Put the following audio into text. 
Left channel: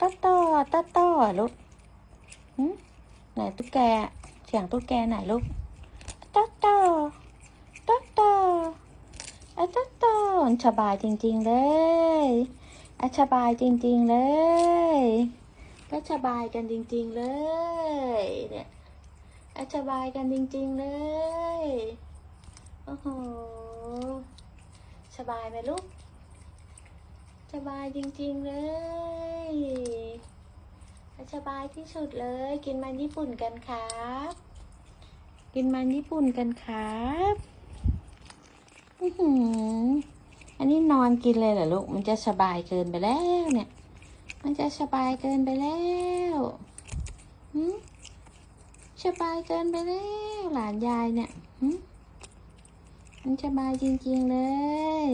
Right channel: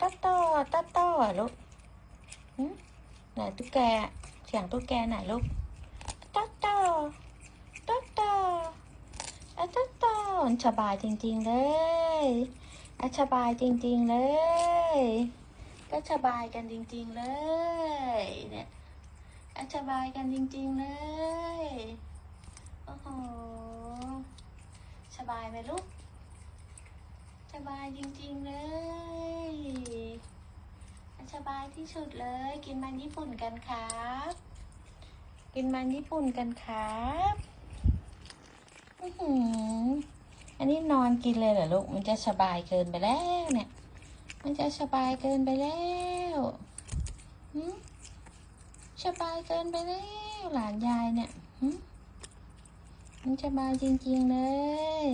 ต๊ะต่อต๊ะต่อลูกหึไหนตุ๊กแกเสียงตุ๊กแกไหนลูกต๊ะต่อต๊ะต่อไอ้ต๊ะต่อสบายจริง ๆ เลยไอ้สบายจริง ๆ เลยแล้วสบายกันจริง ๆ เลย เนี่ยไอ้สบายกันจริง ๆ เลย โอ้โห สบายไหมลูก สบายจริง ๆ เลย สบายที่สุดเลย กินมันญี่ปุ่นกันครับ กินมันญี่ปุ่นกันครับอืออันนี้นอนกินเลยเหรอลูก มันจะสบายเกินไปแล้วเนี่ย มันจะสบายเกินไปแล้วสบายเกินไปแล้วหลานยายเนี่ยมันสบายจริงๆเลย